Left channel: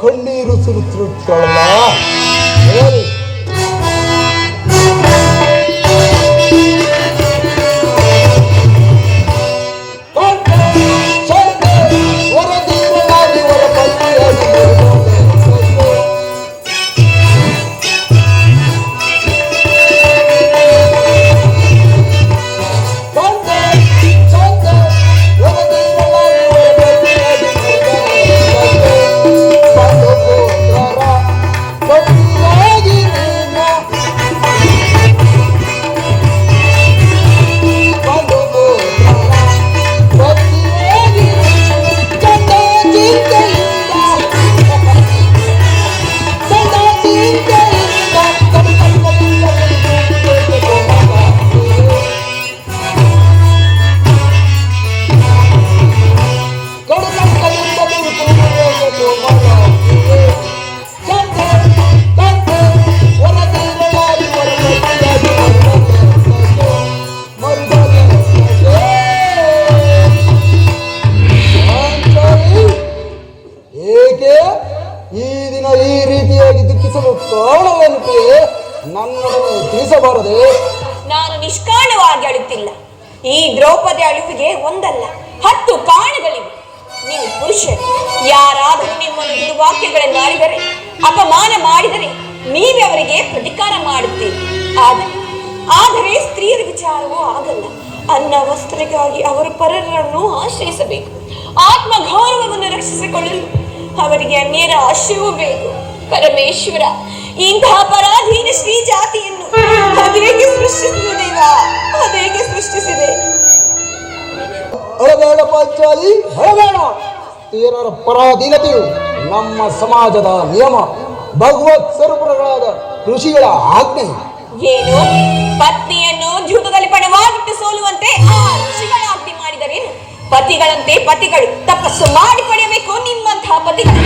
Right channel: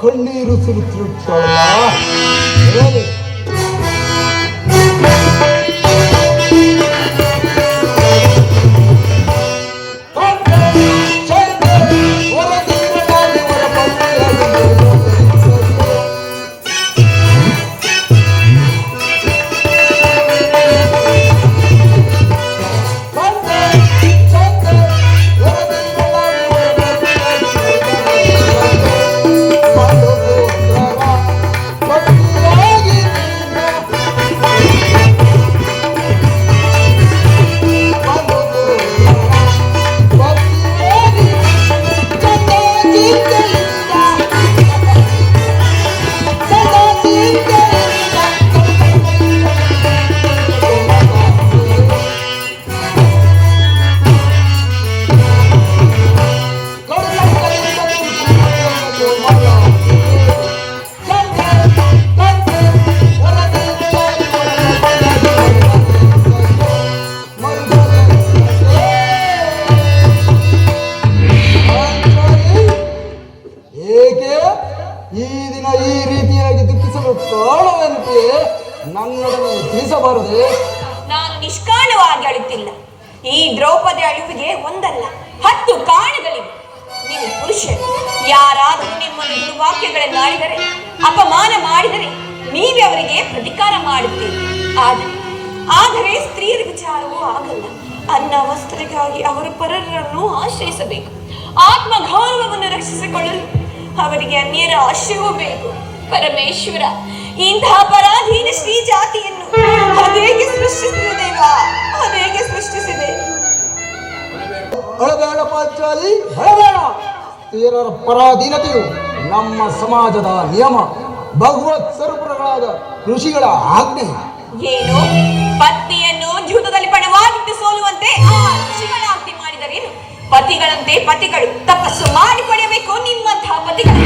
ಕಣ್ಣೀರು ಸುರಿಸುತ್ತಲ್ಲ. ಈ ದಿನ ಈ ರೀತಿಯಾಗಿ ದುಃಖಿಸಲು ಕಾರಣವಂತೆ ನನ್ನೊಡನೆ ತಿಳಿಸಬಾರದೆ? ನಾನು ನಿಷ್ಕಾರಣವಾಗಿ ಅಳುತ್ತಿಲ್ಲ. ಈ ದ್ರೌಪದಿ ಅಳುವಿಗೆ ಒಂದಲ್ಲ 10 ಕಾರಣಗಳಿವೆ. ನೀವು ಪುರುಷರು ಯಾರಾದರೂ ನಿಮ್ಮನ್ನು ದುರ್ವಾಕ್ಯಗಳನ್ನು ಆಡಿದರೆ, ಅಪಮಾನ ಮಾಡಿದರೆ ನೀವೇ ಅವರಿಗೆ ಪ್ರತಿಕಾರ ಮಾಡುತ್ತೀರಿ. ಆದರೆ ಸ್ತ್ರೀಯರ ವಿಚಾರವೂ ಆಗಲ್ಲ. ಅನ್ನ ವಸ್ತ್ರಕ್ಕಾಗಿ ಅವರು ಪರರನ್ನು ಆಶ್ರಯಿಸಬೇಕು. ಆತ್ಮಗೌರವವನ್ನು ರಕ್ಷಿಸಿಕೊಳ್ಳಲು ಅವರಿಗೆ ಅನ್ಯರ ಆಶ್ರಯವೂ ಬೇಕು. ಪರಮೇಶ್ವರ, ಇಂತಹ ಪರಾಧೀನ ಶ್ರೀ ಜಾತಿಯನ್ನು ಅದೇಗೆ ಸೃಷ್ಟಿಸಿದೆ ದೇವ, ಅದೇಗೆ ಸೃಷ್ಟಿಸಿದೆ? ಅಳಬೇಡ ಪಾಂಚಾಲಿ, ಅಳಬೇಡ. ಸ್ತ್ರೀಯರ ಪರಾಧೀನತೆಯು ನಮ್ಮ ಸಮಾಜದ ನಿಯಮ, ಭಗವತ್ ಸ್ವರೂಪಗಳಾದ ಋಷಿಗಳ ಆಜ್ಞೆ. ಏನು ಪತ್ನಿಯನ್ನು ಜೂತದಲ್ಲಿ ಪಣವಾಗಿಟ್ಟು ಸೋಲುವಂತೆ ಆ ಋಷಿಗಳ ಆಜ್ಞೆ ಮಾಡಿದರೇನು? ಪತಿಗಳಂತೆ ಪತಿಗಳು ತಪಸ್ಸು ಮಾಡಿ ಪಡೆಯಬೇಕು ನಿಮ್ಮಂತಹ ಪತಿಗಳು.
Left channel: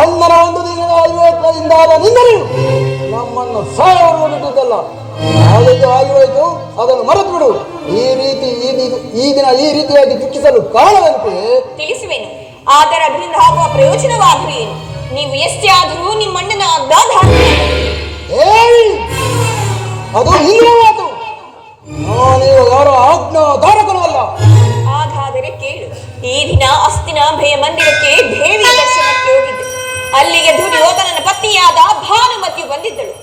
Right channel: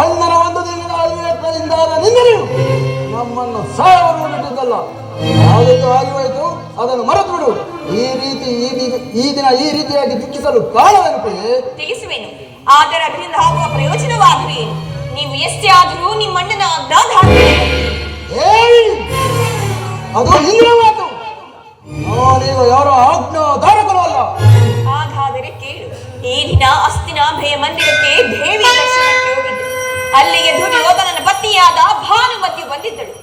ಅಂದರ ಒಂದು ದಿನದ ಐವತ್ತರಿಂದಾದ ನಿಂದರೆ ನಮ್ಮನ್ನು ಸಾಯವನ್ನು ಬಿಟ್ಟಿದ್ದಲ್ಲ. ಯಾವುದಕ್ಕೆ ಆಗಿರೋಯ್ತು ಅದನ್ನು ಮರೆತು ಬಿಡು. ಈ ದಿನ ಈ ರೀತಿಯಾಗಿ ದುಃಖಿಸಲು ಕಾರಣವಂತೆ ತಿಳಿಸುವೇನು. ಆದರೆ ಅದರಿಂದ ಆಗುವ ಪ್ರಯೋಜನವಾದರೂ ಏನು? ನೀವು ಎಷ್ಟೇ ಆದರೂ ನಿಮ್ಮಣ್ಣನ ಅಗ್ರಾಧ ಅದು ಹಿಂದಿನ ಮಾತು. ನಾನೇನು ಯಾರ ಆಜ್ಞಾಧಾರಕರು ಅಲ್ಲ. ಹಾಗಾದರೆ ಕೇಳು. ಈ ದಿನ ಅಸ್ತಿನ ಭಯ ಮಂದಿರಕ್ಕೆ ದೇವಿ ದರ್ಶನಕ್ಕೆ ಹೋಗಿದ್ದೆ. ಅಲ್ಲಿಗೆ ದುರ್ಯೋಧನನ ಪತ್ನಿಯಾದ ಭಾನುಮತಿ ಬಂದಿದ್ದಳು.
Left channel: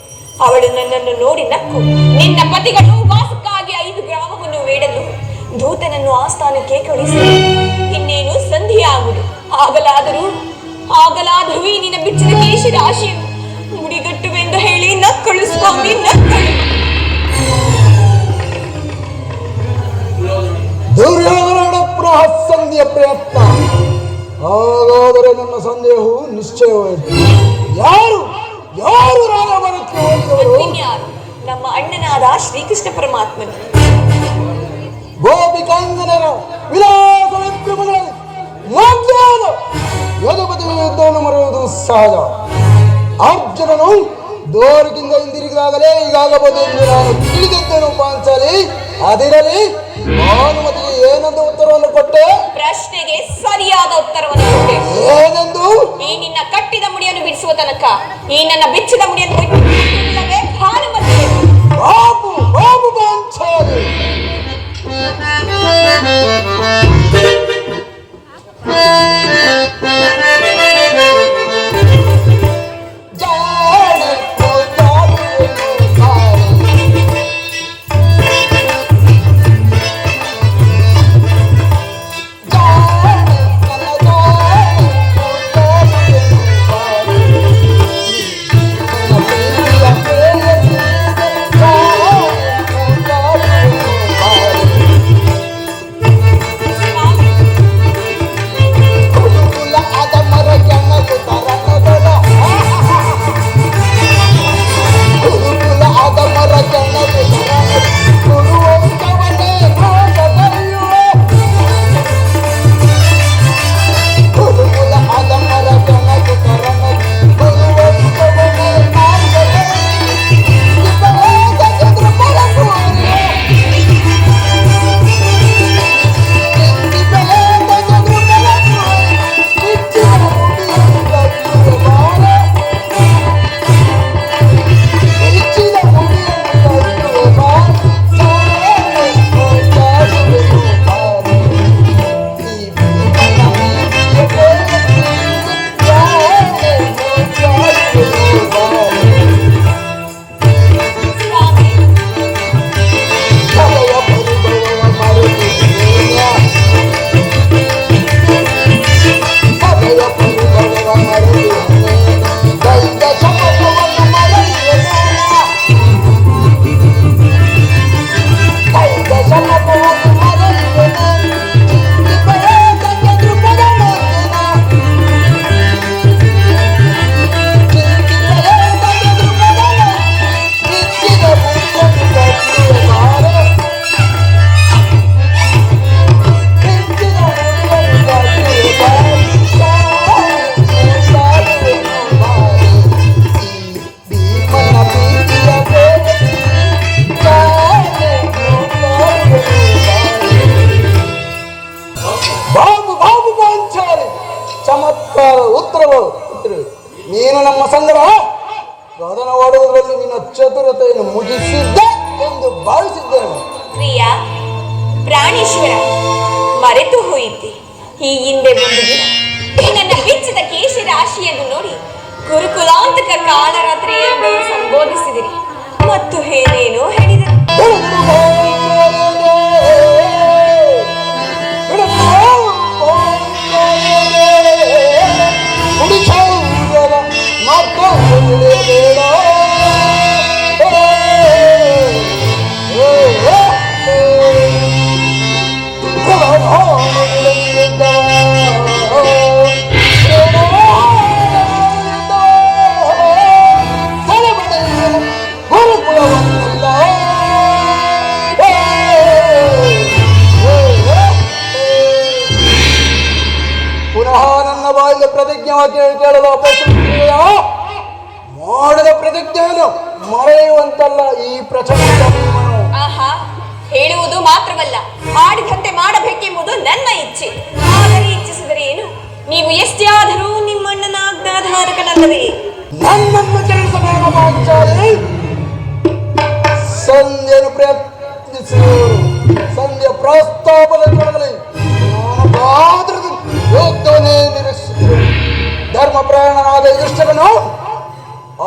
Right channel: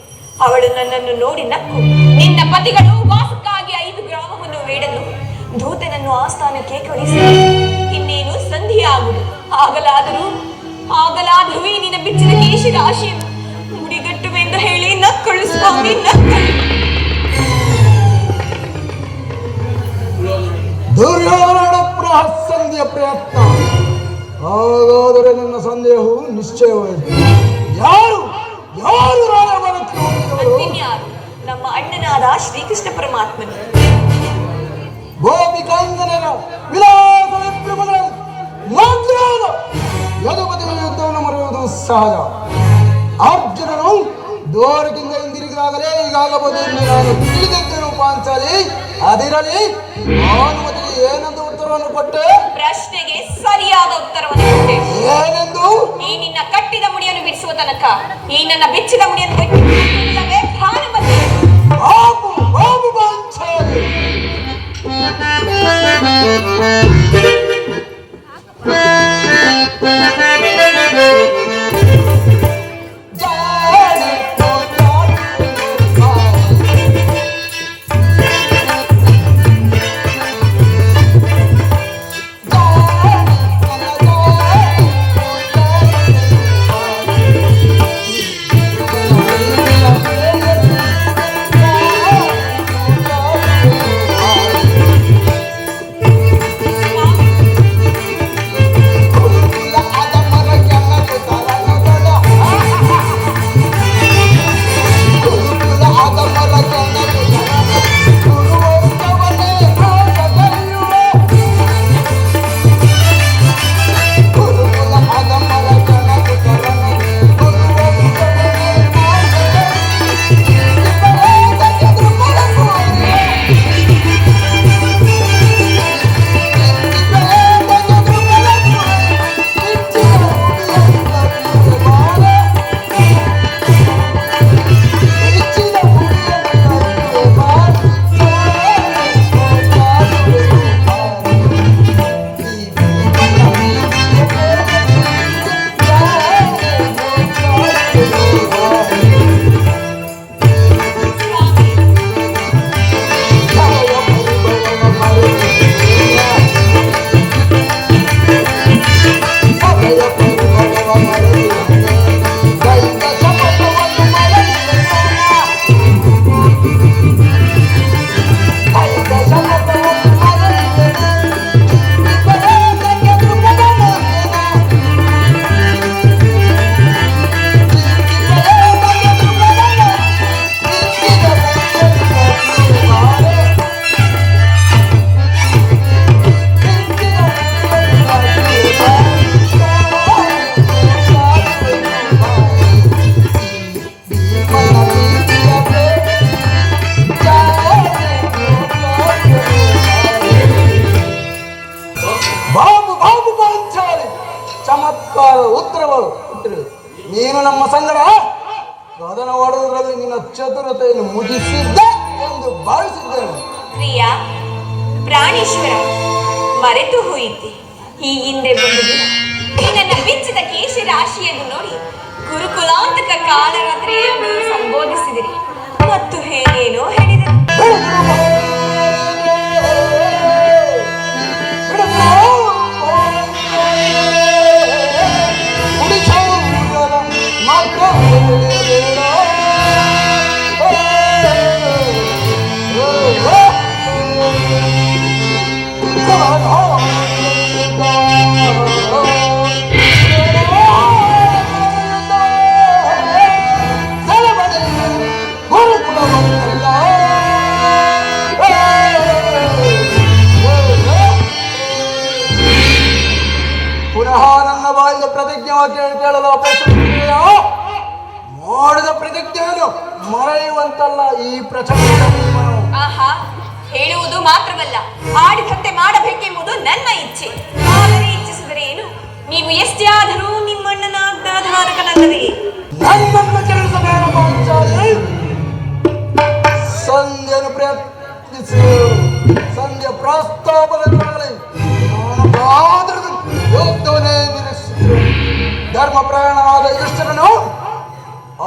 ಅವಳು ನನ್ನನ್ನು ನೋಡಿ ನಕ್ಕು, ನಿನ್ನ ಪತಿಗಳು ವಾಸಕ್ಕಾಗಿ 5 ಗ್ರಾಮವನ್ನು ಬೇಡಲು ದೂತನನ್ನು ಆಸ್ಥಾನಕ್ಕೆ ಕಳಿಸಿ ಇನ್ನೇನು ಸಂಧಿಯಾಗುವುದು. ಆಗಲಾದರೂ ಈ ನಿನ್ನ ಬಿಚ್ಚಿದ ಕೇಶಿ ರಾಶಿಯನ್ನು ಮುಡಿಗಟ್ಟುವೆಂದು ಹೇಳಿ ನಕ್ಕಳು ಸ್ವಾಮಿ, ನಕ್ಕಳು. ದುರ್ಯೋಧನ ಪುನಃ ಸಂಧಿಯ ಪ್ರಯತ್ನ. ಹಾಗಾದರೆ ನನ್ನ ಸಂದೇಹವು ನಿಶ್ಚಯವಾಯಿತು. ಯಾರು ರಾಜಮನಕ್ಕೆ ಹೋಗಿದವರು? ಕೃಷ್ಣ ಪರಮಾತ್ಮನು. ಗೋಪಿಕಾಂಗನರ ವಿಲಾಸದ ಪ್ರಭುಗಳ ಮಧ್ಯಾಹ್ನ ಯದುಪತಿಗಳ ಯುದ್ಧವನ್ನು ಮರೆಯುವುದು ಸಹಜ. ಅರ್ಜುನನು ದ್ವಾರಕಿಂದ ಹಿಂದಿರುಗಿದಾಗಲೇ ಹೀಗಾಗಬಹುದು ಎಂದು ನಾನು ತಿಳಿದಿದ್ದನು ಪಾಂಚಾಲಿ. ಅದಿರಲಿ, ಭಾನುಮತಿಗೆ ಏನಂತ ಉತ್ತರವನ್ನು ಕೊಟ್ಟೆ? ಪ್ರಶ್ನೆಗೆ ಸರಿಯಾದ ಉತ್ತರವನ್ನು ಕೊಟ್ಟೆ. ಏನೆಂದು? ಈ ನಿನ್ನ ಕಟ್ಟಿದ ಮುಡಿಯನ್ನು ಬಿಡಿಸುವ ತನಕ ಈ ನನ್ನ ಬಿಚ್ಚಿದ ಮುಡಿಯನ್ನು ಬಿಟ್ಟು ಭಾನುಮತಿ. ಬಾಬು ಬಾಬು ಪಾಂಚಾಲಿ. ನೀನು ನಮ್ಮ ಸಂಗಡ ವಾದನವಾಡುವುದರಲ್ಲಿ ನಿನ್ನ ಚತುರತೆಯನ್ನು ಮುಗಿಸಿದ್ದೆ ಎಂದು ಭಾವಿಸಿದ್ದೇನೆ. ಪ್ರಿಯ ಪ್ರಾಣೇಶ್ವರ, ಮರೆತು ಹೋಯಿತೆ. ಈ ಹಿಂದೆ ಬಂದು ನನ್ನ ಬಿಚ್ಚಿದ ಕೇಶ ರಾಶಿಯನ್ನು ನೋಡಿ ಗುರುಕುಲಾಂತಕ ಕಾಳರಾತ್ರಿ ಎಂದು ಸಂಬೋಧಿಸಿದಿರಿ ಮತ್ತು ಏನೇನೋ ಹೇಳಿದರು. ಕೇಳಲು ಅಪೇಕ್ಷೆಯ ಮಾಡಿದ ಪ್ರತಿಜ್ಞೆಯನ್ನು ಮರೆಯುವಂತಲ್ಲ ಈ ಪ್ರಚಂಡ. ಆಹಾ, ಹೇಳುವುದು ಮಾತ್ರವಲ್ಲ, ಮಾಡಿದಂತೆ ಮಾಡಬೇಕೆಂಬುದು ನನ್ನ ಇಚ್ಛೆ. ಆದರೆ ಇಚ್ಛಿಸಿದರೆ ಏನು, ನೀವು ಎಷ್ಟೇ ಆದರೂ ನಿಮ್ಮಣ್ಣನ ಆಜ್ಞಾಧಾರಕನಲ್ಲವೇ? ನನ್ನನ್ನು ಕೆಲಸಬೇಡ ಪಾಂಚಾಲಿ. ಸಂಧ್ಯೆಯನ್ನು ಪ್ರಯತ್ನಿಸಿ ಸಂಧ್ಯೆ ಪ್ರಸ್ತಾಪದಲ್ಲಿ ಯೋಗ್ಯನೇ ನಿರೀಕ್ಷಿಸುತ್ತೇನೆ. ಧರ್ಮ ಪ್ರಯಾಣನಾದ ಯುಧಿಷ್ಠಿರನು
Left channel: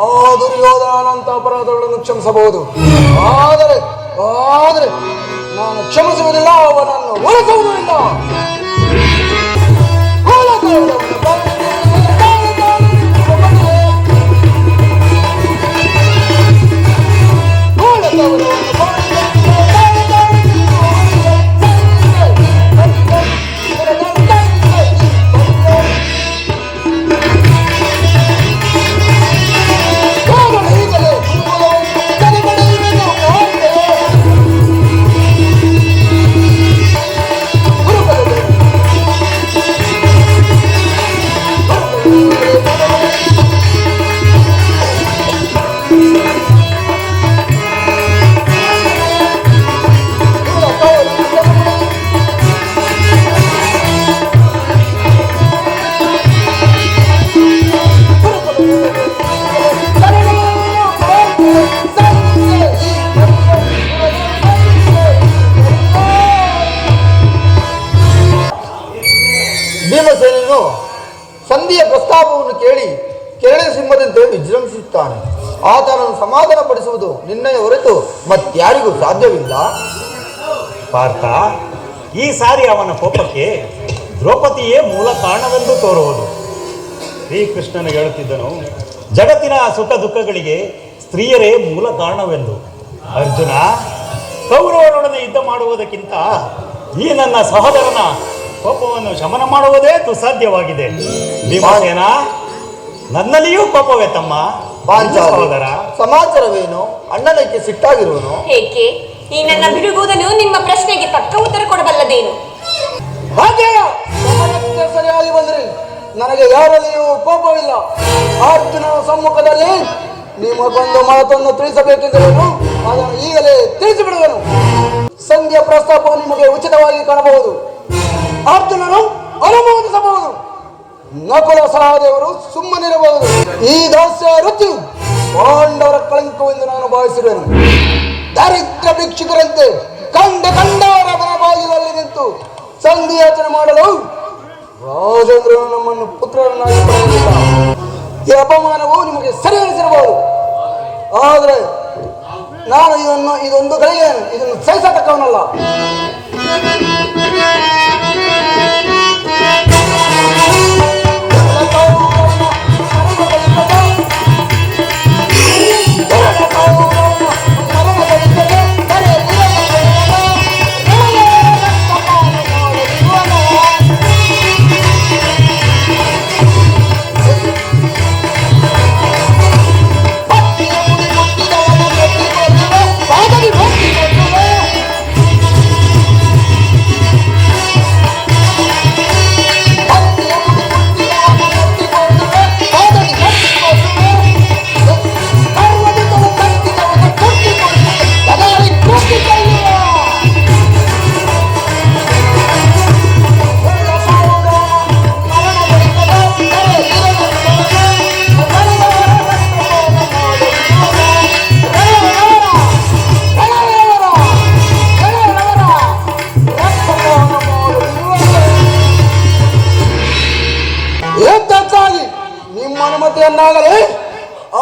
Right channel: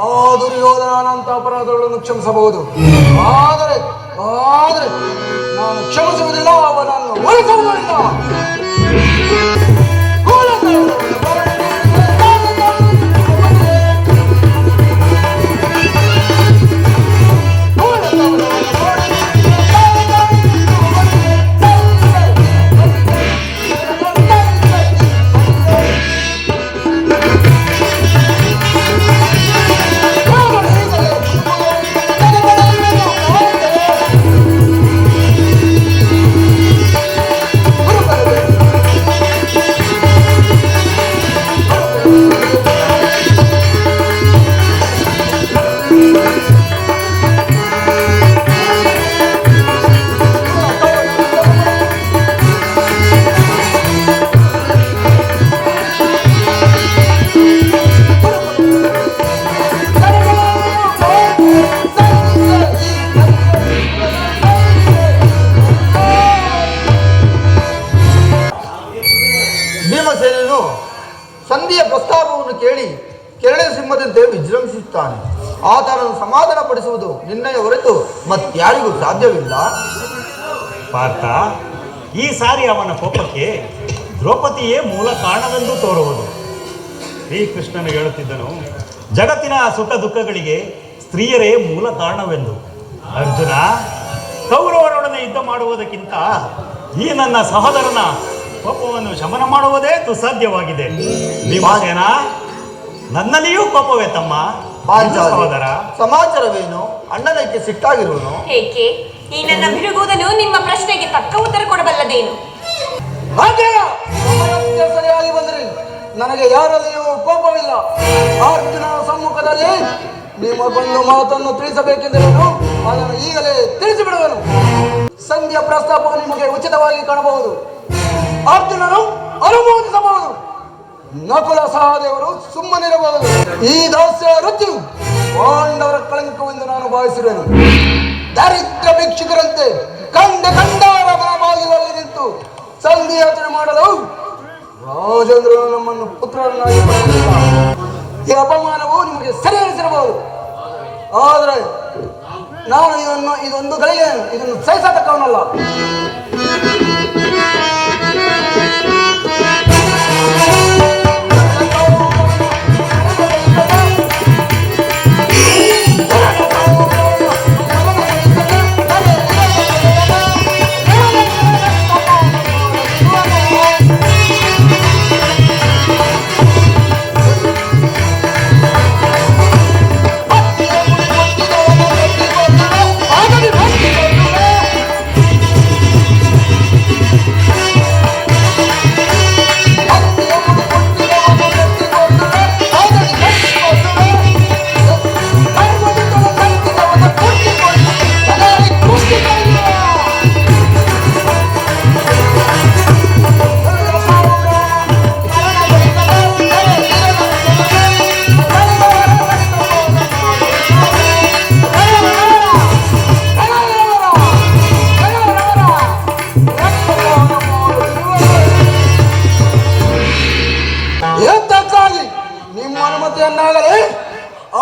ಆ ದುರ್ಯೋಧನಂತ ಅಪರಾಧಗಳನ್ನು ಕ್ಷಮಿಸಬಹುದು. ಆದರೆ ನಾನು ಕ್ಷಮಿಸುವುದಿಲ್ಲ, ಅವನನ್ನು ಉಳಿಸುವುದಿಲ್ಲ. ಬಯಸುತ್ತಾನೆ. ಆತನನ್ನು ಸಮಾಧಾನ ಪಡಿಸುವುದು ನಿನ್ನೆಯ ಹೊರತು ಮತ್ಯಾರಿಗೂ ಸಾಧ್ಯವಿಲ್ಲ. ಪಾರ್ಥ, ಈ ಸಾರಿ ಅವನ ಕೋಪಕ್ಕೆ ದ್ರೌಪದಿಯೇ ಮೂಲ ಕಾರಣವೆಂದು ತೋರುವುದು. ಶ್ರೀಕೃಷ್ಣನಿಗೆ ಹೇಳುತ್ತಿದ್ದನು, ಜಗತ್ತಿನ ಸುಖ ದುಃಖಗಳಿಗೆ ಸ್ತ್ರೀಯರೇ ಮೂಲ ಕಾರಣವೆಂದು. ಅರ್ಜುನ, ಕೌರವರೊಡನೆ ಯುದ್ಧ ಮಾಡುವುದಕ್ಕಿಂತ ಈ ನನ್ನ ಸಹೋದರನ ಕೋಪವನ್ನು ಶಮನ ಮಾಡುವುದೇ ದುಸ್ಸಾಧ್ಯವಾಗಿದೆ. ಭೀಮಸೇನ, ನನ್ನಲ್ಲಿಯೂ ಕೋಪವೇ ತಮ್ಮ. ಸಹೋದರ, ಸಮಾಚಾರವೇನು? ಅಣ್ಣನಕ್ಕೆ ಸಿಟ್ಟಾಗಿರುವನು ಏಕೆ? ಈ ನನ್ನ ಬಿಡುಗುವುದನ್ನು ನಿಮ್ಮ ಪ್ರಶ್ನೆಗೆ ತಕ್ಕ ಉತ್ತರ ಕೊಡಬಲ್ಲದೇನು? ಹಾಗೆ ಸರಿಯಾಗಿ ಬಂದ್ರಿ. ನನಗೆ ಯಾರಲ್ಲಿಯೂ ಕೋಪವಿಲ್ಲ. ಅರ್ಜುನ ಸಮ್ಮುಖದಲ್ಲಿ ನಿಮಗೊಂದು ಮಾತನ್ನು ತಿಳಿಸಬೇಕೆಂದರೆ ಅದನ್ನು ಈಗಲೇ ತಿಳಿಸಿಬಿಡುವನು. ಸಂಧಿಯ ಪ್ರಸ್ತಾಪವು ನಿಮಗೆ ಉಚಿತವಾಗಿ ಕಾಣಬಹುದು. ಅರ್ಜುನನು ಅನುಮೋದಿಸಬಹುದು, ನಕುಲ ಸಹದೇವರು ಸುಮ್ಮನಿರಬಹುದು. ಈ ದಾಸ್ಯ ವೃತ್ತಿಯು ಪಾಂಡವರ ಕಳಂಕವೆಂದು ನಾನು ಭಾವಿಸಿರುವೆನು. ದರಿದ್ರ ಭಿಕ್ಷುಕರಂತೆ ಕಂಡವರ ಬಾಗಿಲಲ್ಲಿ ನಿಂತು ಸಂಧಿ ಯೋಚನೆ ಮಾಡಲು ರಾಜೇಂದ್ರನು ನಮ್ಮನ್ನು ಪುತ್ರರನ್ನಾಗಿ ಮಾಡಿದ್ದಾನೆ. ಈ ಅಪಮಾನವು ನಿಮಗೆ ಸರಿಯಿಸಿರಬಹುದು. ಆದರೆ ನಾನು ಇದೊಂದು ಗಳಿಗೆ ಇದನ್ನು ಸಹಿಸತಕ್ಕವನಲ್ಲ.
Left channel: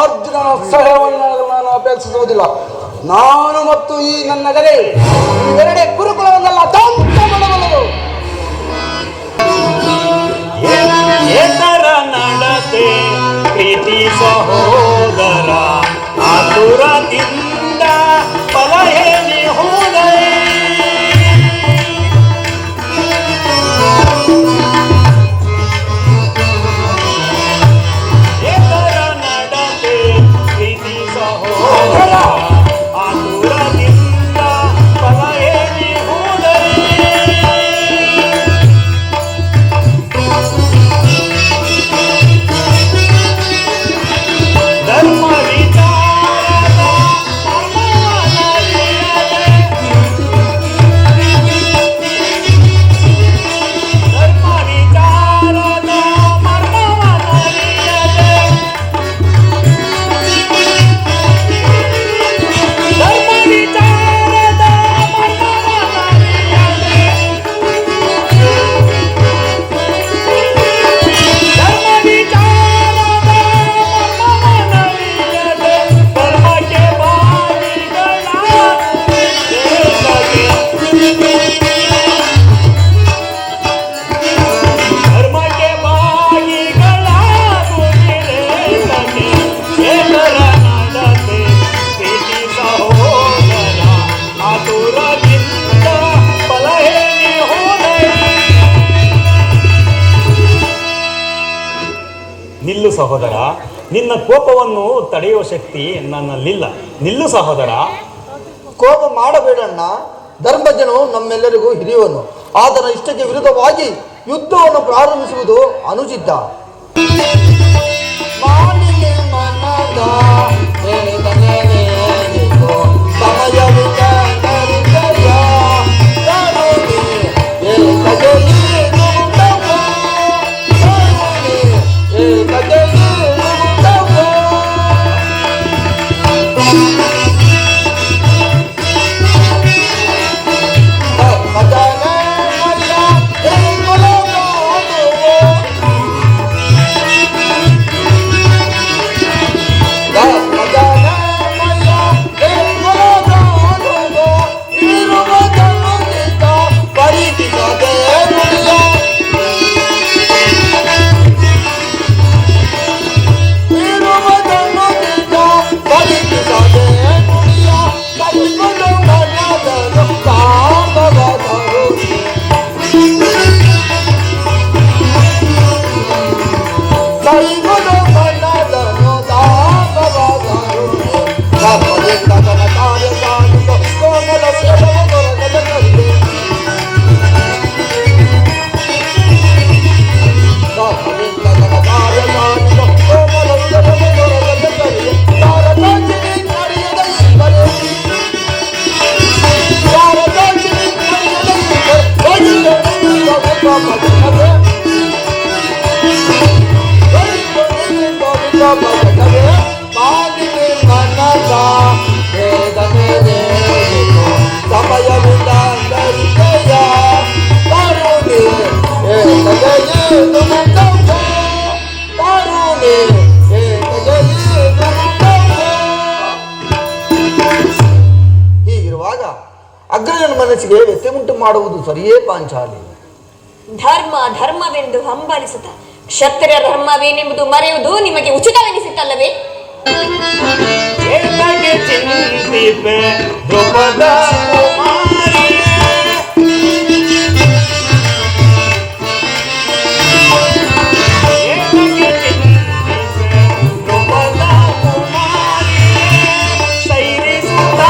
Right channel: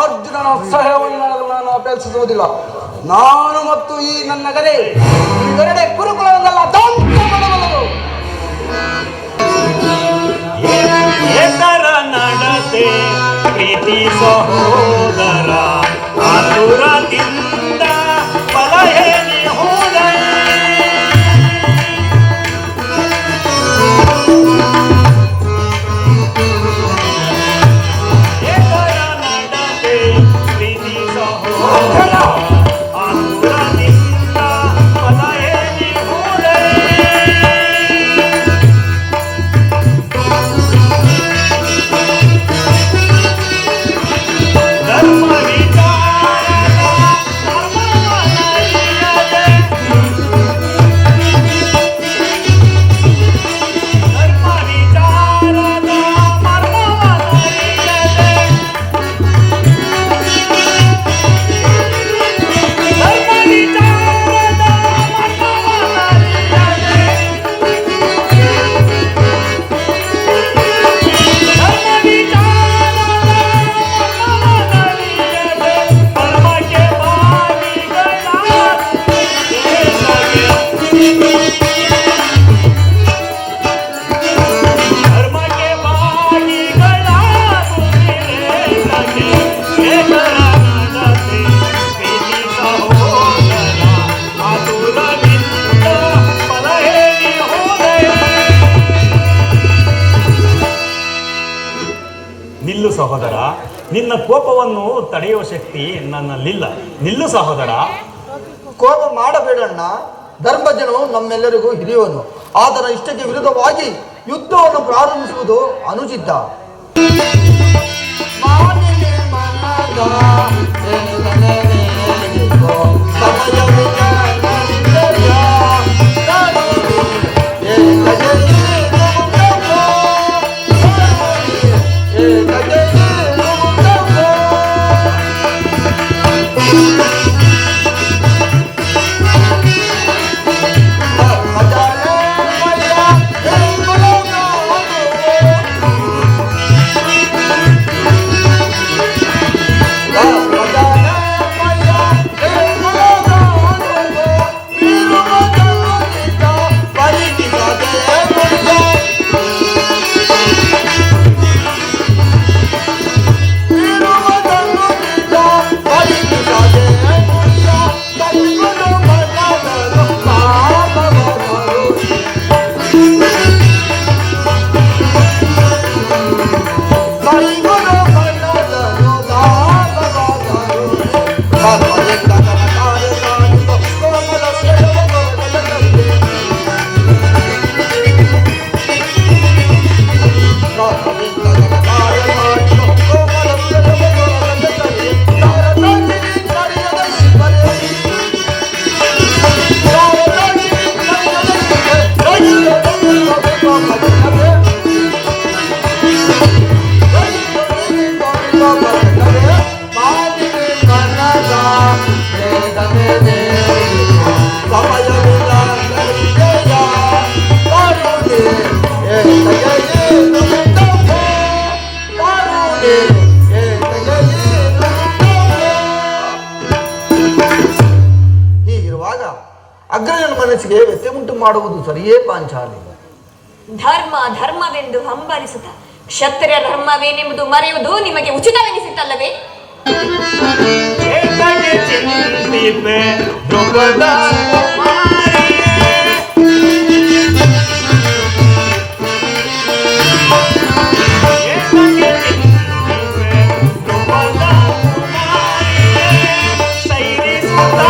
ಅರ್ಜುನ ಸಹಾಯವನ್ನು ನಾನು ಅಪೇಕ್ಷಿಸುವುದಿಲ್ಲ. ನಾನು ಮತ್ತು ಈ ನನ್ನ ಗದೆ ಇವೆರಡೇ ಕುರುಕುಲವನ್ನೆಲ್ಲ ನಡತೆ ಪ್ರೀತಿ ಸಹೋದರ ಆತುರದಿಂದ ಫಲಹೇನೆ ಹೋದೆ. ನಿಲ್ಲು ಸಹೋದರ, ನಿನ್ನ ಕೋಪವನ್ನು ತಡೆಯುವ ಶಕ್ತಿ ನನ್ನಲ್ಲಿಲ್ಲ. ನಿಲ್ಲು ಸಹೋದರ. ಕೋಪ ಮಾಡಬೇಡಣ್ಣ. ಧರ್ಮಜನು ನಮ್ಮೆಲ್ಲರಿಗೂ ಹಿರಿಯವನು. ಆತನ ಇಷ್ಟಕ್ಕೆ ವಿರುದ್ಧವಾಗಿ ಯುದ್ಧವನ್ನು ಪ್ರಾರಂಭಿಸುವುದು ಅನುಚಿತ. ಮನಸ್ಸಿಗೆ ವ್ಯತ್ಯೆ ಉಂಟು ಮಾಡುವುದು ಸರಿಯೇ ಪಾಂಚಾಲಿ. ಧರ್ಮ ಧರ್ಮವೆಂದು ಹಂಬಲಿಸುತ್ತ ಕ್ಷತ್ರಿಯ ಧರ್ಮವೇನೆಂಬುದು ಮರೆಯುವುದು ನಿಮಗೆ ಉಚಿತವೆನಿಸುತ್ತಲ್ಲವೇ? ಏತಕ್ಕೆ ಚಿಂತಿಪೆ ದ್ರೌಪದ ಕುಮಾರಿ? ಏತಕ್ಕೆ ಚಿಂತಿಪೆ ದ್ರೌಪದ ಕುಮಾರಿ? ಸೈರಿಸುತ್ತ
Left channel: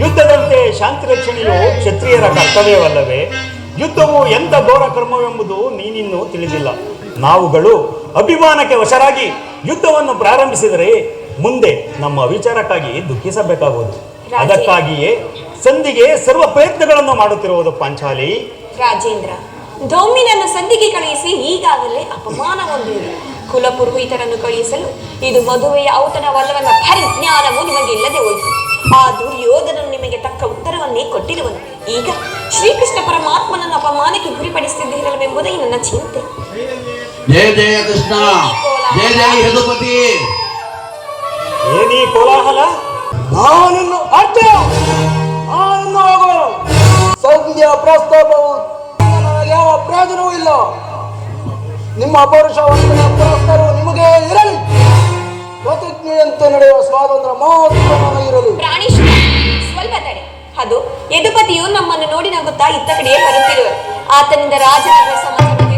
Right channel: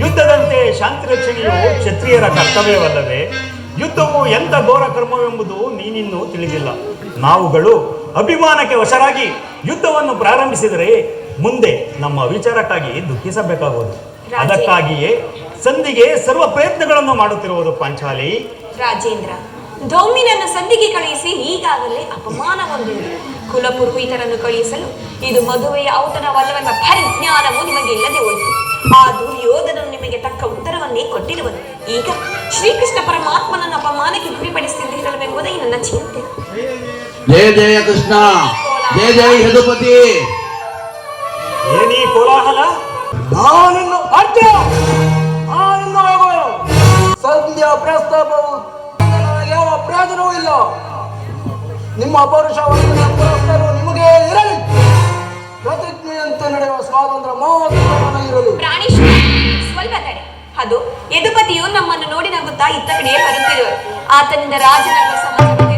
ಯುದ್ಧದಂತೆ ಶಾಂತಿ ರಕ್ಷಣೆಯು ಕ್ಷತ್ರಿಯರ ಕರ್ತವ್ಯವಲ್ಲವೇ? ಯುದ್ಧವು ಎಂತ ಘೋರ ಕ್ರಮವೆಂಬುದು ನೀನಿನ್ನೂ ತಿಳಿದಿಲ್ಲ. ನಾವುಗಳು ಅಭಿಮಾನಕ್ಕೆ ವಶರಾಗಿ ಯುದ್ಧವನ್ನು ಪ್ರಾರಂಭಿಸಿದರೆ ಮುಂದೆ ನಮ್ಮ ವಿಚಾರಕ್ಕಾಗಿ ದುಃಖಿಸಬೇಕಾಗುವುದು. ಅದಕ್ಕಾಗಿಯೇ ಸಂಧಿಗೆ ಸರ್ವ ಪ್ರಯತ್ನಗಳನ್ನು ಮಾಡುತ್ತಿರುವುದು ಪಾಂಚಾಲಿ. ರಾಜೇಂದ್ರ, ದೊಮ್ಮಿನನ್ನು ಸಂಧಿಗೆ ಕಳುಹಿಸಿ ಈಗಾಗಲೇ ಅಪಮಾನಗೊಂಡಿದೆ. ಕುಲಪುರೋಹಿತರನ್ನು ಕಳುಹಿಸಲು ಇದು ಮದುವೆಯ ಔತಣವಲ್ಲವೆಂಬ ಪರಿಜ್ಞಾನವು ನಿಮಗಿಲ್ಲದೆ ಹೋಯಿತು. ಆ ದುರ್ಯೋಧನನು ನಿಮಗೆ ತಕ್ಕ ಉತ್ತರವನ್ನೇ ಕೊಟ್ಟಿರುವನು. ಈಗ ಶ್ರೀಕೃಷ್ಣ ಪರಮಾತ್ಮನನ್ನು ಅಪಮಾನಕ್ಕೆ ಗುರಿಪಡಿಸುತ್ತಿರಲೆಂಬುದೇ ನನ್ನ ಚಿಂತೆ. ಜಯ ಜಯ ಕೃಷ್ಣ, ಜಯ ಜಯ ಯದುಪತಿ. ಏನೀ ಕೋಲಾಹಲ? ನಾನಿನ್ನು ಅರ್ಥ ಸಂಧ್ಯಾ ಪ್ರಸ್ತಾಪವು ಯಾವ ಪ್ರಯೋಜನವೂ ಇಲ್ಲ. ನಿಮ್ಮ ಅಪರುಷವು ನಿಮಗೆ ಇರಲಿ. ಪ್ರತಿಜ್ಞೆಯಂತೆ ನಡೆಯುವ ಸ್ವಾತಂತ್ರ್ಯ ಮಾತ್ರ ಇರಲಿ. ಪ್ರಾಣೇಶ್ವರ, ಸ್ವಲ್ಪ ತಡೆ. ಅದು ಯದುಪತಿಯು ನಮ್ಮನ್ನು ನೋಡಿ ನಗುತ್ತಾ ಇತ್ತ ಕಡೆಯೇ ಬರುತ್ತಿರುವರು. ಆತನಿಂದ ರಾಜನಾಗ ಸಮಾಜದಲ್ಲಿ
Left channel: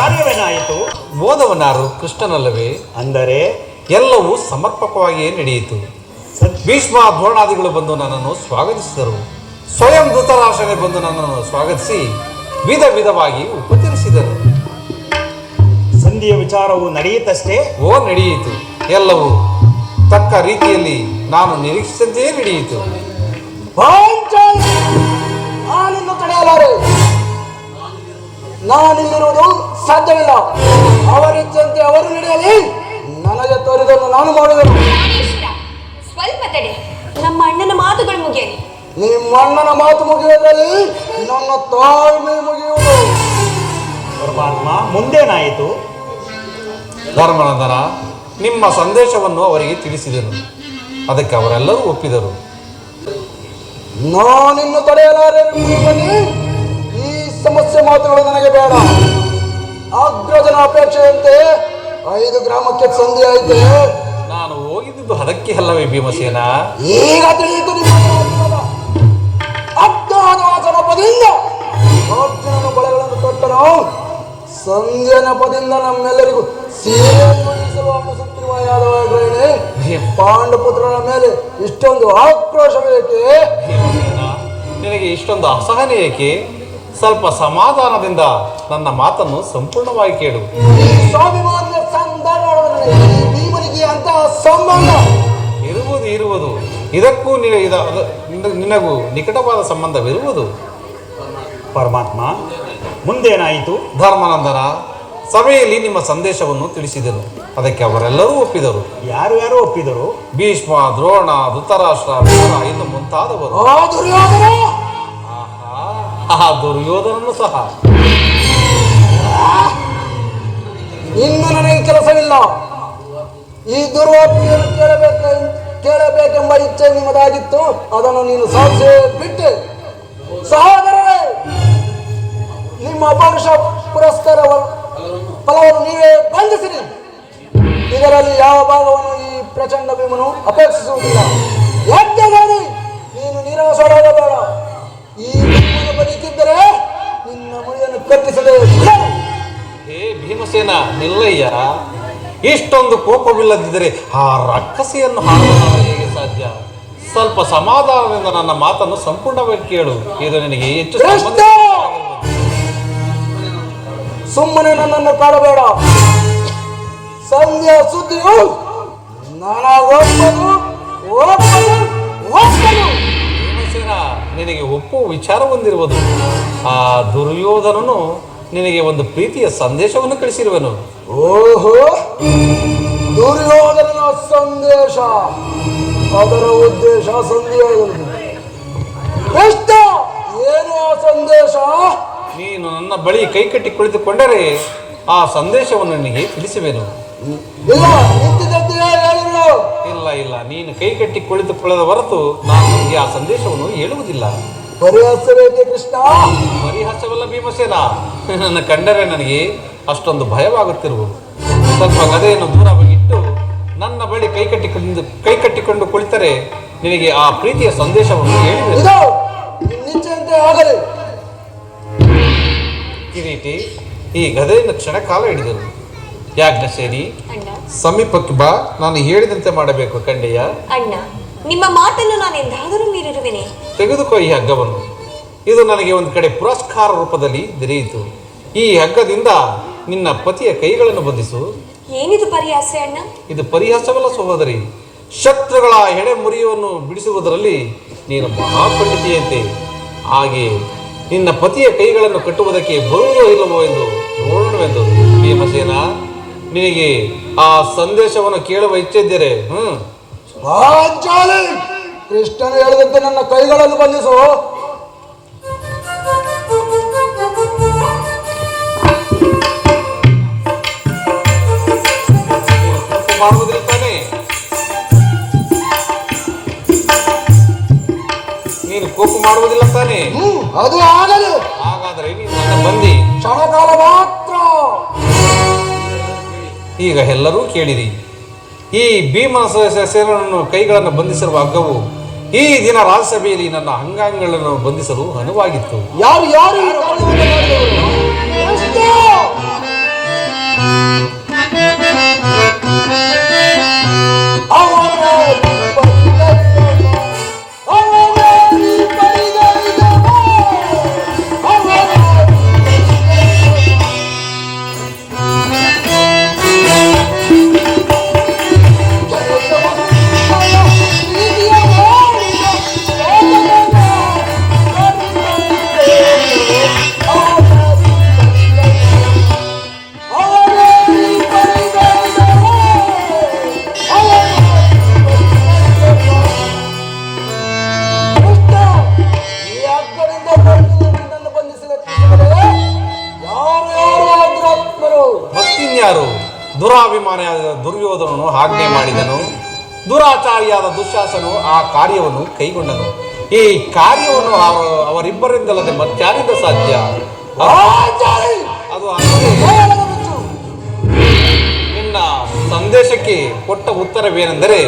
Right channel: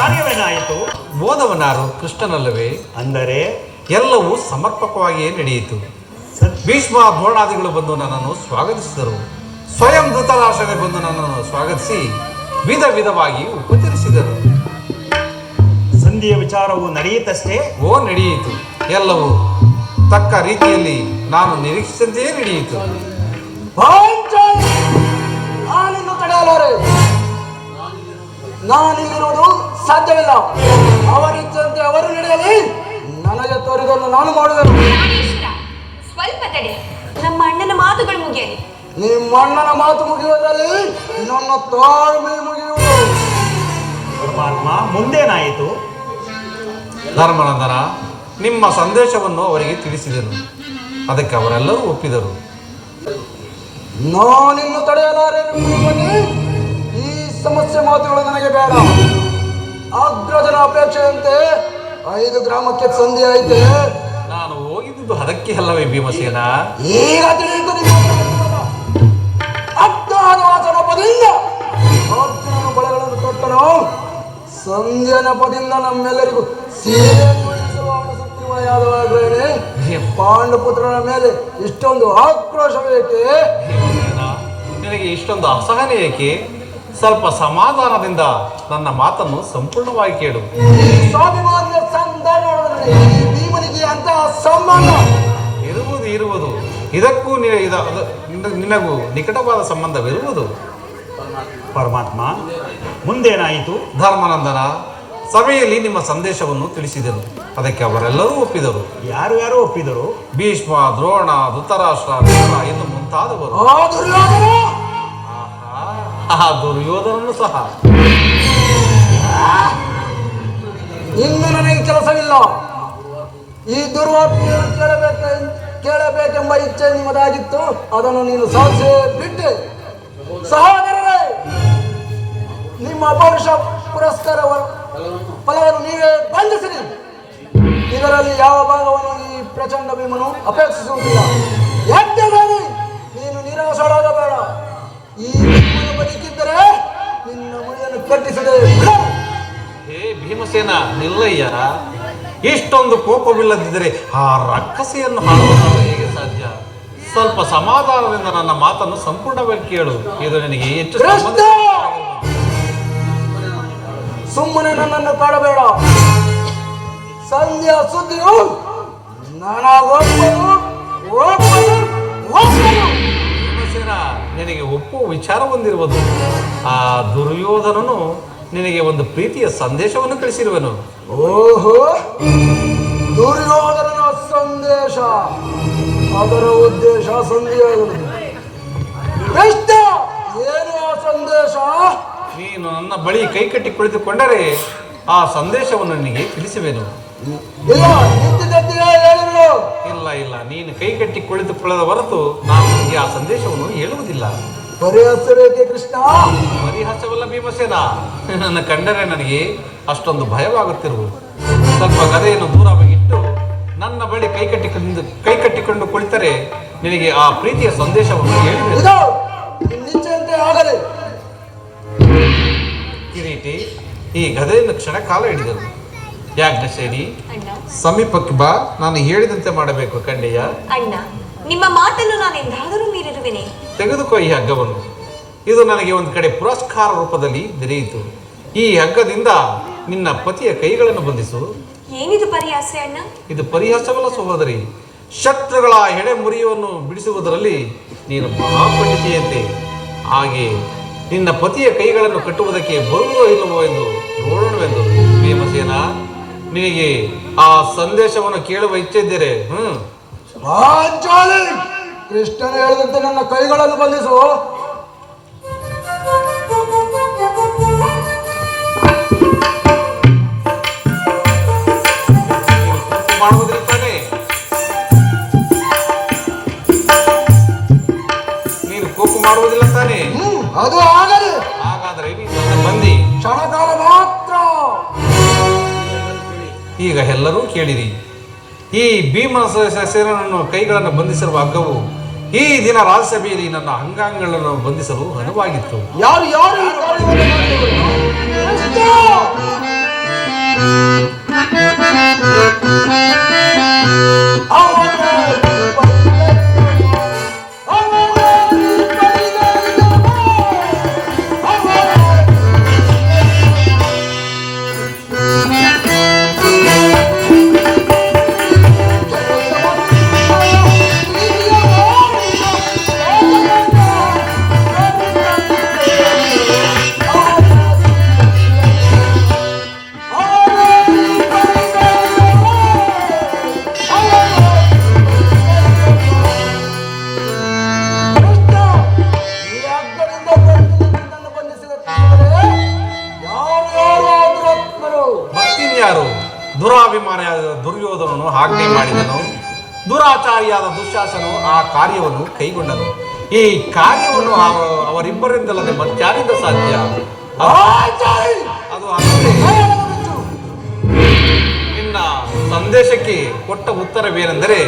ಕಾರ್ಯವೇನಾಯಿತು? ಮೋದವನಾರು ಕೃಷ್ಣನಲ್ಲವೇ? ಅಂದರೆ ಎಲ್ಲವೂ ಸಮರ್ಪಕವಾಗಿಯೇ ನಡೆಯಿತು. ಭೀಷ್ಮ ದ್ರೋಣಾದಿಗಳು ಬಂದು ನನ್ನನ್ನು ಸ್ವಾಗತಿಸಿದರು. ಸ್ವಯಂ ಧೃತರಾಷ್ಟ್ರನೇ ಬಂದು ನನ್ನನ್ನು ಸ್ವಾಗತಿಸಿ ವಿಧ ವಿಧವಾಗಿ ಉಪಚರಿಸಿದರು. ಸಂಧಿಯ ವಿಚಾರವು ನಡೆಯಿತಷ್ಟೇ? ನಡೆಯಿತು. ಎಲ್ಲವೂ ತಕ್ಕ ರೀತಿಯಲ್ಲಿ ನಾನು ನಿರೀಕ್ಷಿಸಿದಂತೆಯೇ ನಡೆಯಿತು. ನಾನಿನ್ನು ತಡೆಯಲಾರೆ. ನಾನಿಲ್ಲಿರುವುದು ಸಾಧ್ಯವಿಲ್ಲ. ಅವರಿದ್ದಂತೆ ಅವರು ನಡೆಯಲಿ. ನನಗೆ ತೋರಿದನ್ನು ನಾನು ಮಾಡುವೆನು. ಸ್ವಲ್ಪ ತಡೆ. ನಮ್ಮ ಅಣ್ಣನ ಮಾತುಗಳು ಮುಗಿಯಲಿ. ನಿಮ್ಮ ಅಣ್ಣನ ಮಾತು ಮುಗಿಯುವುದಲ್ಲಿ ನನ್ನ ತಾಳ್ಮೆ ಮುಗಿಯುವುದು. ಮುಂದೇನಾಯಿತು? ಧರ್ಮನಂದನ, ನಿಮ್ಮ ಸಂದೇಶವನ್ನು ಅವರಿಗೆ ತಿಳಿಸಿದನು. ಅದಕ್ಕೆ ಅವರೆಲ್ಲರೂ ಒಪ್ಪಿದರು. ನಾನಿನ್ನು ತಡೆಯಲಾರೆ. ಈ ಸಮಸ್ಯೆ ಮಾತುಗಳು ನನಗೆ ಬೇಡ. ಅಗ್ರಜನ ಅಪೇಕ್ಷೆಯಂತೆ 5 ಗ್ರಾಮಕ್ಕೆ ಸಂಧಿ ಆಯಿತು. ನಾನು ಹೋಗಿದ್ದು ಅದಕ್ಕೆ ಅಲ್ಲವೇ ಭೀಮಸೇನ? ಈಗ ತಿಳಿಯುತ್ತದೆ. ಅಜ್ಞಾನವಾಸನ ಪದಿ ಸಂಧ್ಯಾ ನೆಪದಿಂದ ನಮ್ಮೆಲ್ಲರಿಗೂ ಸೇರಿಸಲು ಸುಗ್ರೀವಾಯಾದವಾಗಲೇ ಪಾಂಡುಪುತ್ರರ ಮೇಲೆ ಇಷ್ಟೊಂದು ಆಕ್ರೋಶವೇಕೆ? ನಿನಗೆ ಇಷ್ಟೊಂದು ಅಸಹನೆ ಏಕೆ? ಸ್ವಲ್ಪ ಸಮಾಧಾನದಿಂದ ನನ್ನ ಮಾತನ್ನು ಸಂಪೂರ್ಣವಾಗಿ ಕೇಳು. ಸ್ವಾಭಿಮಾನ್ಯ ಸಂಧಾನದಲ್ಲಿ ಭೀಮನಿಗೆ ಅಂತಹ ಸಂಬಂಧ ಇರುವುದು ಇದಕ್ಕೂ ನಿನಗೂ ನಿಕಟವಾದ ಸಂಬಂಧವಿರುವುದು. ಪರಮಾತ್ಮ, ಮುಂದೇನಾಯಿತು? ಧರ್ಮನಂದನ, ಸಭೆಯಲ್ಲಿ ನಿಮ್ಮ ಸಂದೇಶವನ್ನು ತಿಳಿಸಿದೆನು. ಅದಕ್ಕೆ ಅವರೆಲ್ಲರೂ ಒಪ್ಪಿದರು. ಯಾರು ಯಾರು ಒಪ್ಪಿದರು? ಭೀಷ್ಮ, ದ್ರೋಣ, ಧೃತರಾಷ್ಟ್ರ, ಇನ್ನು ಮುಂತಾದವರು. ಆ ದುರ್ಯೋಧನನು ಸಹ. ಇನ್ನು ನನಗೆ ಕೆಲಸವಿಲ್ಲ. ಈ ದುರ್ವಾಕ್ಯವನ್ನು ಕೇಳಬೇಕೆಂಬ ಇಚ್ಛೆ ನಿಮ್ಮದಾಗಿತ್ತು, ಅದನ್ನು ನೀನು ಸಾಧಿಸೇ ಬಿಟ್ಟೆ. ಸಹೋದರರೇ, ನಿಮ್ಮ ಅಪರುಷ ಪುರಸ್ಕಾರ ಫಲವನ್ನು ನೀವೇ ಬಂಧಿಸಿರಿ. ಇದರಲ್ಲಿ ಯಾವ ಭಾಗವನ್ನು ಈ ಪ್ರಚಂಡ ಭೀಮನು ಅಪೇಕ್ಷಿಸುವುದಿಲ್ಲ. ಯಾಕೆಂದರೆ ನೀನು ನಿರಾಶರಾಗಬೇಡ. ಈ ಭೀಮನು ಬದುಕಿದ್ದರೆ ನಿನ್ನ ಮುಡಿಯನ್ನು ಕಟ್ಟಿಸದೆ. ಹೇ ಭೀಮಸೇನ, ನಿಲ್ಲಯ್ಯ. ಇಷ್ಟೊಂದು ಕೋಪವಿಲ್ಲದಿದ್ದರೆ ಆ ರಕ್ಕಸಿಯನ್ನು ಹಾಕಲು ಹೇಗೆ ಸಾಧ್ಯ? ಸ್ವಲ್ಪ ಸಮಾಧಾನದಿಂದ ನನ್ನ ಮಾತನ್ನು ಸಂಪೂರ್ಣವಾಗಿ ಕೇಳು. ಇದು ನಿನಗೆ ಹೆಚ್ಚು ಸುಮ್ಮನೆ ನನ್ನನ್ನು ಕಾಡಬೇಡ. ಸಂಧ್ಯಾ ಸುದ್ದಿಯು ಭೀಮಸೇನ, ನಿನಗೆ ಒಪ್ಪುವ ವಿಚಾರ ಹೊಂದಿರುವುದು. ಆ ದುರ್ಯೋಧನನು ನಿನಗೆ ಒಂದು ಪ್ರೀತಿಯ ಸಂದೇಶವನ್ನು ಕಳಿಸಿರುವನು. ಓಹೋ, ದುರ್ಯೋಧನ ಸಂದೇಶ. ಅದರ ಉದ್ದೇಶ ಸಂದೇಶ ಏನು? ಆ ಸಂದೇಶ ನೀನು ನನ್ನ ಬಳಿ ಕೈಕಟ್ಟಿ ಕುಳಿತುಕೊಂಡರೆ ಆ ಸಂದೇಶವನ್ನು ನಿನಗೆ ತಿಳಿಸುವೆನು. ಇಲ್ಲ, ನೀನು ಕೈಕಟ್ಟಿ ಕುಳಿತುಕೊಳ್ಳದ ಹೊರತು ನಾನು ನಿನಗೆ ಆ ಸಂದೇಶವನ್ನು ಹೇಳುವುದಿಲ್ಲ. ಪರಿಹಾಸವೇಕೆ ಕೃಷ್ಣ? ಪರಿಹಾಸವಲ್ಲ ಭೀಮಸೇನ, ನನ್ನ ಕಂಡರೆ ನನಗೆ ಅಷ್ಟೊಂದು ಭಯವಾಗುತ್ತಿರುವುದು. ಸ್ವಲ್ಪ ಗದೆಯನ್ನು ದೂರವಾಗಿ ಇಟ್ಟು ನನ್ನ ಬಳಿ ಕೈಕಟ್ಟಿಕೊಂಡು ಕುಳಿತರೆ ನಿನಗೆ ಆ ಪ್ರೀತಿಯ ಸಂದೇಶವನ್ನು ಹೇಳಿದೆ. ಆಗಲಿ ಕಿರೀಟಿ, ಈ ಗದೆಯನ್ನು ಕ್ಷಣಕಾಲ ಹಿಡಿದರು. ಯಾಜ್ಞಸೇನಿ, ಸಮೀಪಕ್ಕೆ ಬಾ. ನಾನು ಹೇಳಿದಂತೆ ಮಾಡಬೇಕು ಕಂಡೆಯ. ಅಣ್ಣ, ನಿಮ್ಮ ಮಾತನ್ನು ನಾನು ಎಂದಾದರೂ ಮೀರಿರುವೆನೆ. ತೆಗೆದುಕೋ ಈ ಹಗ್ಗವನ್ನು. ಇದು ನನಗೆ ಒಂದು ಕಡೆ ಪುರಸ್ಕಾರ ರೂಪದಲ್ಲಿ ದೊರೆಯಿತು. ಈ ಹಗ್ಗದಿಂದ ನಿನ್ನ ಪತಿಯ ಕೈಗಳನ್ನು ಬಂಧಿಸು. ಏನಿದು ಪರಿಹಾಸ ಅಣ್ಣ? ಇದು ಪರಿಹಾಸವಲ್ಲ ಸಹೋದರಿ. ಶತ್ರುಗಳ ಹೆಡೆ ಮುರಿಯನ್ನು ಬಿಡಿಸುವುದರಲ್ಲಿ ನೀನು ಮಹಾಪಂಡಿತಿಯಂತೆ. ಹಾಗೆ ನಿನ್ನ ಪತಿಯ ಕೈಗಳನ್ನು ಕಟ್ಟುವುದಕ್ಕೆ ಬರುವುದೋ ಇಲ್ಲವೋ ಎಂದು ನೋಡೋಣವೆಂದು. ಭೀಮಸೇನ, ನಿನಗೆ ಆ ಸಂದೇಶವನ್ನು ಕೇಳುವ ಇಚ್ಛೆ ಇದ್ದರೆ ಕೃಷ್ಣನು ಹೇಳಿದಂತೆ ನನ್ನ ಕೈಗಳನ್ನು ಬಂಧಿಸು. ಮಾಡುವುದಿಲ್ಲ ತಾನೆ? ನೀನು ಕೋಪ ಮಾಡುವುದಿಲ್ಲ ತಾನೆ? ಅದು ಆಗಲಿ. ಹಾಗಾದರೆ ನೀನು ಬಂದಿ ಕ್ಷಣಕಾಲ ಮಾತ್ರ. ಈಗ ಎಲ್ಲರೂ ಕೇಳಿರಿ. ಈ ಭೀಮನ ಸೇನನ್ನು ಕೈಗಳನ್ನು ಬಂಧಿಸಿರುವ ಹಗ್ಗವು ಈ ದಿನ ರಾಜ್ಯಸಭೆಯಲ್ಲಿ ನನ್ನ ಅಂಗಾಂಗಗಳನ್ನು ಬಂಧಿಸಲು ಅನುವಾಗಿತ್ತು. ಯಾರು ಯಾರು ಈ ಕಾರ್ಯವನ್ನು ಮತ್ತಿನ್ಯಾರು? ದುರಾಭಿಮಾನಿಯಾದ ದುರ್ಯೋಧನನು ಆಜ್ಞೆ ಮಾಡಿದನು. ದುರಾಚಾರಿಯಾದ ದುಶ್ಯಾಸನು ಆ ಕಾರ್ಯವನ್ನು ಕೈಗೊಂಡನು. ಈ ಕಾರ್ಯವನ್ನು ಅವರಿಬ್ಬರಿಂದಲ್ಲದೆ ಮತ್ತಾರಿಂದ ಸಾಧ್ಯ? ಅದು ನಿನ್ನ ಸಂದೇಶಕ್ಕೆ ಕೊಟ್ಟ ಉತ್ತರವೇನೆಂದರೆ,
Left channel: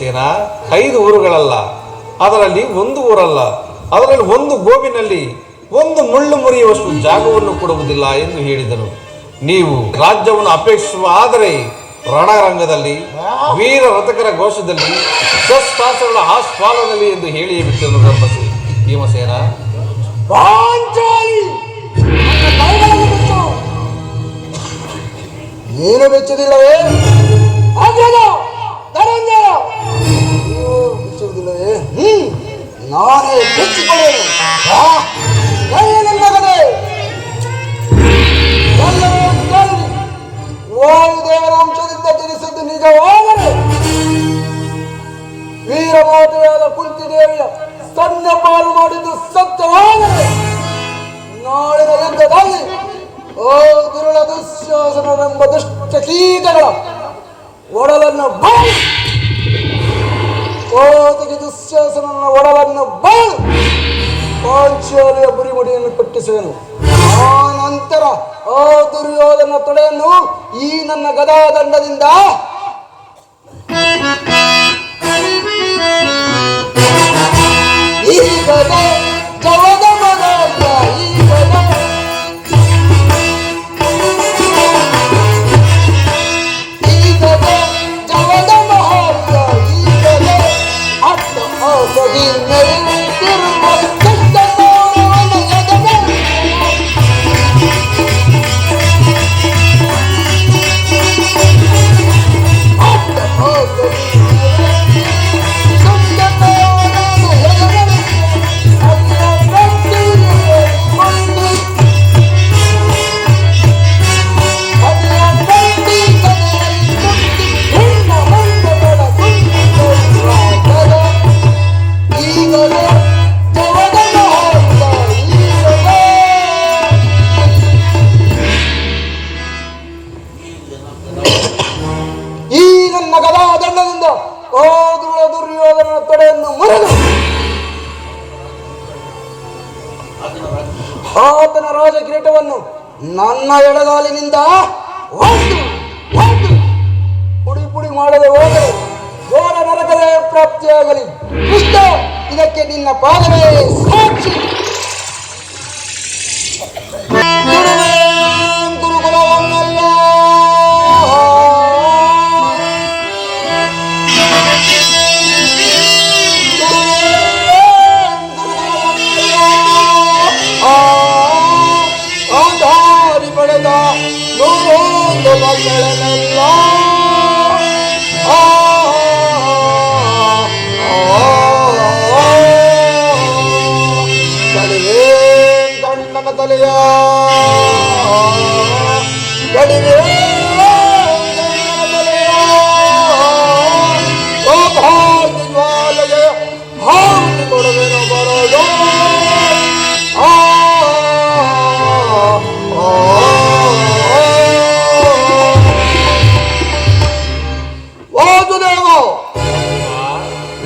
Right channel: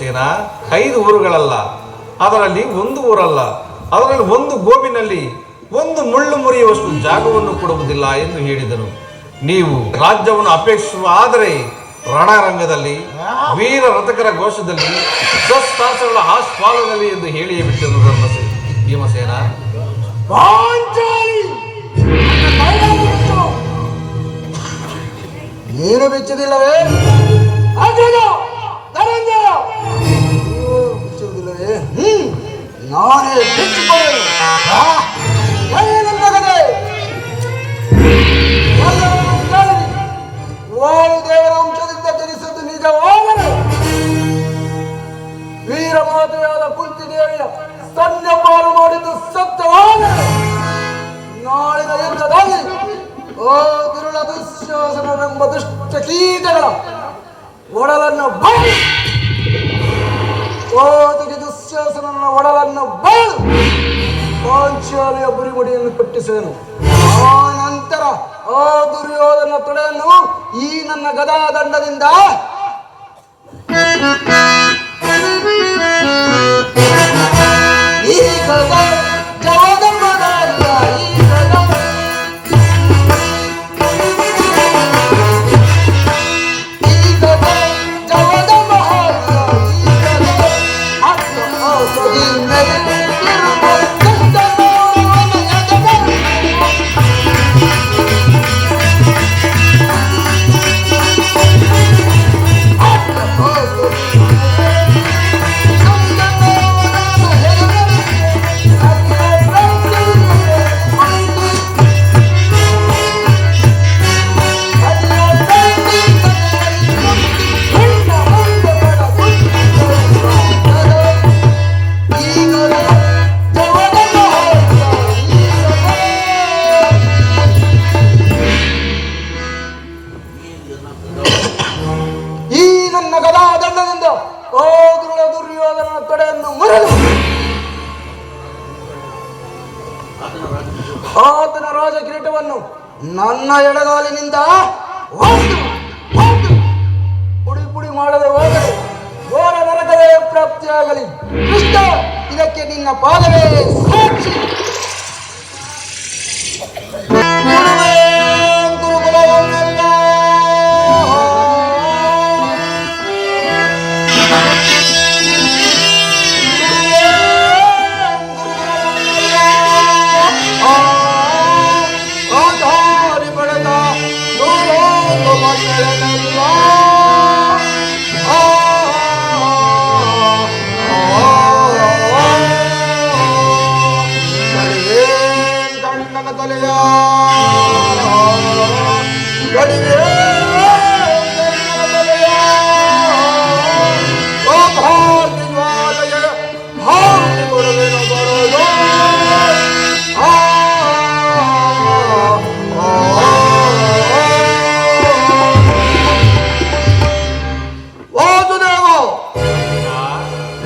ಭೀಮಸೇನ 5 ಊರುಗಳಲ್ಲ, ಅದರಲ್ಲಿ 1 ಊರಲ್ಲ, ಅದರಲ್ಲಿ 1 ಗೋಬಿನಲ್ಲಿ 1 ಮುಳ್ಳು ಮುರಿಯುವಷ್ಟು ಜಾಗವನ್ನು ಕೊಡುವುದಿಲ್ಲ ಎಂದು ಹೇಳಿದನು. ನೀವು ರಾಜ್ಯವನ್ನು ಅಪೇಕ್ಷಿಸುವ ಆದರೆ ರಣರಂಗದಲ್ಲಿ, ವೀರ ರಥಕರ ಘೋಷದಲ್ಲಿ, ಶಸ್ತ್ರಾಸ್ತ್ರಗಳ ಆಸ್ಫಾಲದಲ್ಲಿ ಎಂದು ಹೇಳಿಯೇ ಬಿಟ್ಟರು ಭೀಮಸೇನ. ಪಾಂಚಾಲಿ ಏನು ಬೆಚ್ಚದಿಲ್ಲವೇ? ಬೆಚ್ಚುವುದಿಲ್ಲವೇ? ನಾನೇ ಬೆಚ್ಚಿಕೊಳ್ಳೇನು. ವಾಯುದೇವರ ಅಂಶದಿಂದ ತಿಳಿಸಿದ್ದು ನಿಜವಾದರೆ ವೀರಮಾತೆಯಾದ ಕುಂತಿದೇವಿಯ ಸ್ತನ್ಯಪಾಲು ಮಾಡಿದ್ದು ಸತ್ಯವಾದರೆ ನಾಳಿನ ಯುದ್ಧದಲ್ಲಿ ಓ ದುರುಳ ದುಶ್ಯಾಸನನೆಂಬ ದುಷ್ಟ ಕೀಟಗಳ ಒಡಲನ್ನು ಬಾಳು, ಓದಿಗೆ ದುಶ್ಯಾಸನನ ಒಡಲನ್ನು ಬಾಳು ಪಾಂಚಾಲಿಯ ಬುರಿಮುಡಿಯನ್ನು ಕಟ್ಟಿಸುವೆನು. ಆ ನಂತರ ಆ ದುರ್ಯೋಧನ ತೊಡೆಯನ್ನು ಈ ನನ್ನ ಗದಾದಂಡದಿಂದ ಈ ಗದ ಜವದಮನದ ಈ ಗದ ಈ ಗದ ಜವದಮನದ ಈ ಗದ ಅತ್ತ ಔಷಧಿ ಮೇಲಿರುವ ಆತನ ರಾಜ ಕಿರೀಟವನ್ನು ನನ್ನ ಎಡಗಾಲಿನಿಂದ ಪುಡಿ ಪುಡಿ ಮಾಡದೆ ಹೋದರೆ ಘೋರ ನರಕವೇ ಪ್ರಾಪ್ತಿಯಾಗಲಿ. ಕೃಷ್ಣ, ಇದಕ್ಕೆ ನಿನ್ನ ಪಾದವೇ ಸಾಕ್ಷಿ.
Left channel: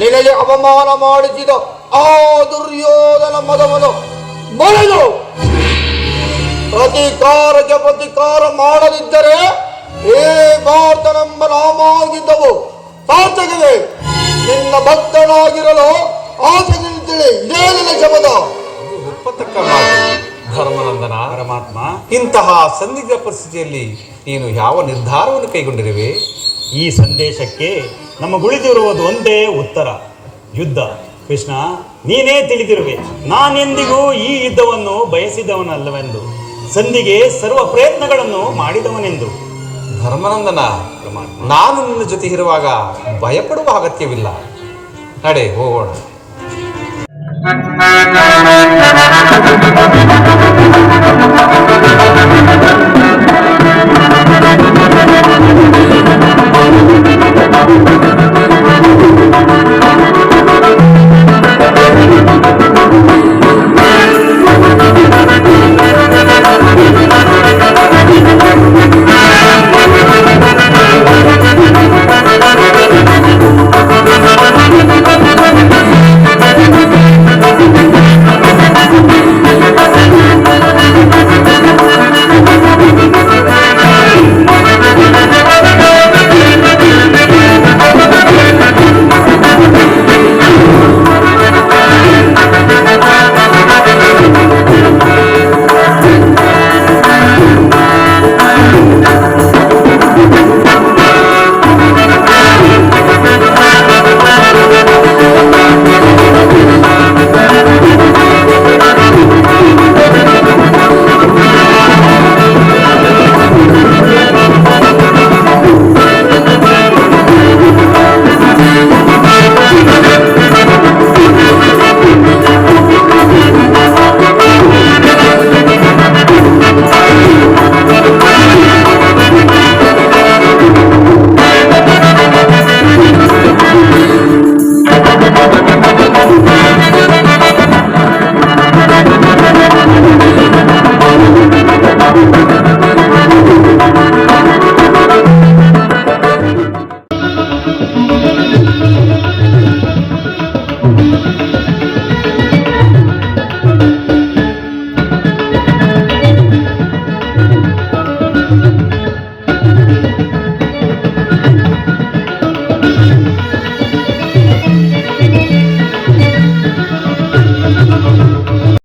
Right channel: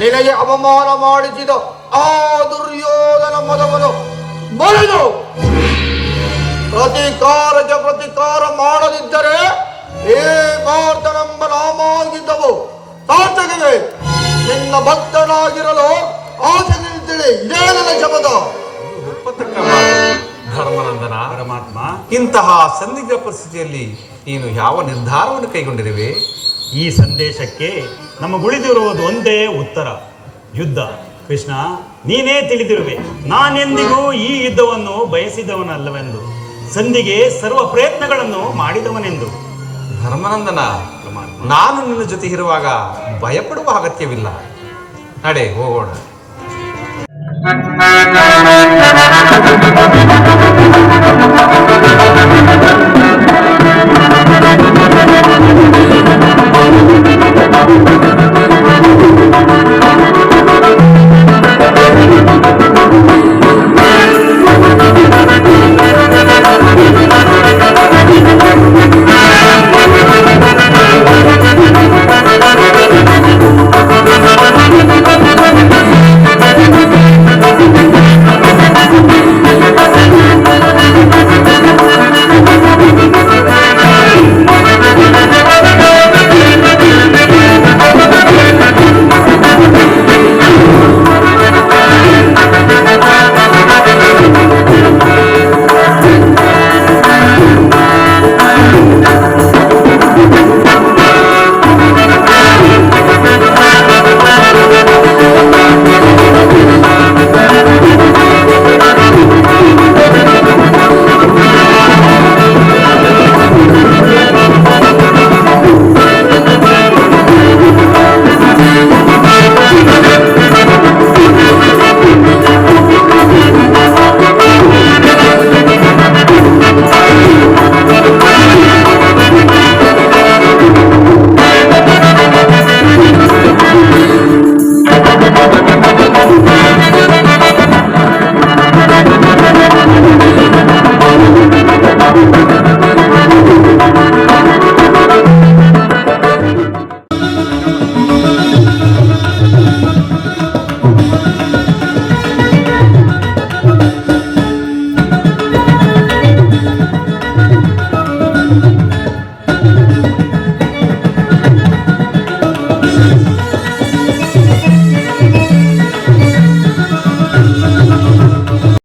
ನಿನಗೆ ಅವಮಾನ ಮಾಡಿಸಿದ ಆ ದುರ್ಯೋಧನ ಮದವನ್ನು ಬರೆದು ಅಧಿಕಾರಕ್ಕೆ ಪ್ರತಿಕಾರ ಮಾಡದಿದ್ದರೆ ಏ ಭಾರತನೆಂಬ ನಾಮಾಗಿದ್ದವು ಸಾರ್ಥಕವೇ. ನಿನ್ನ ಭಕ್ತನಾಗಿರಲು ಆಸೆ ನಿಂತಿಳಿ. ಇದೇ ನನ್ನ ಶಪಥ. ಧರ್ಮನಂದನ ಪರಮಾತ್ಮ, ಇಂತಹ ಸಂದಿಗ್ಧ ಪರಿಸ್ಥಿತಿಯಲ್ಲಿ ನೀನು ಯಾವ ನಿರ್ಧಾರವನ್ನು ಕೈಗೊಂಡಿರುವೆ? ಈ ಸಂದೇಶಕ್ಕೆ ನಮಗುಳಿದಿರುವುದು ಒಂದೇ ಉತ್ತರ: ಯುದ್ಧ. ಕೃಷ್ಣ, ನೀನೇ ತಿಳಿದಿರುವೆ, ನಾನೆಂದಿಗೂ ಈ ಯುದ್ಧವನ್ನು ಬಯಸಿದವನಲ್ಲವೆಂದು, ಸಂಧಿಗೆ ಸರ್ವ ಪ್ರಯತ್ನಗಳನ್ನು ಮಾಡಿದವನೆಂದು. ಧರ್ಮನಂದನ, ನಾನು ನಿನ್ನ ಜೊತೆ ಇರುವಾಗ ಭಯಪಡುವ ಅಗತ್ಯವಿಲ್ಲ. ನಡೆ, ಹೋಗೋಣ.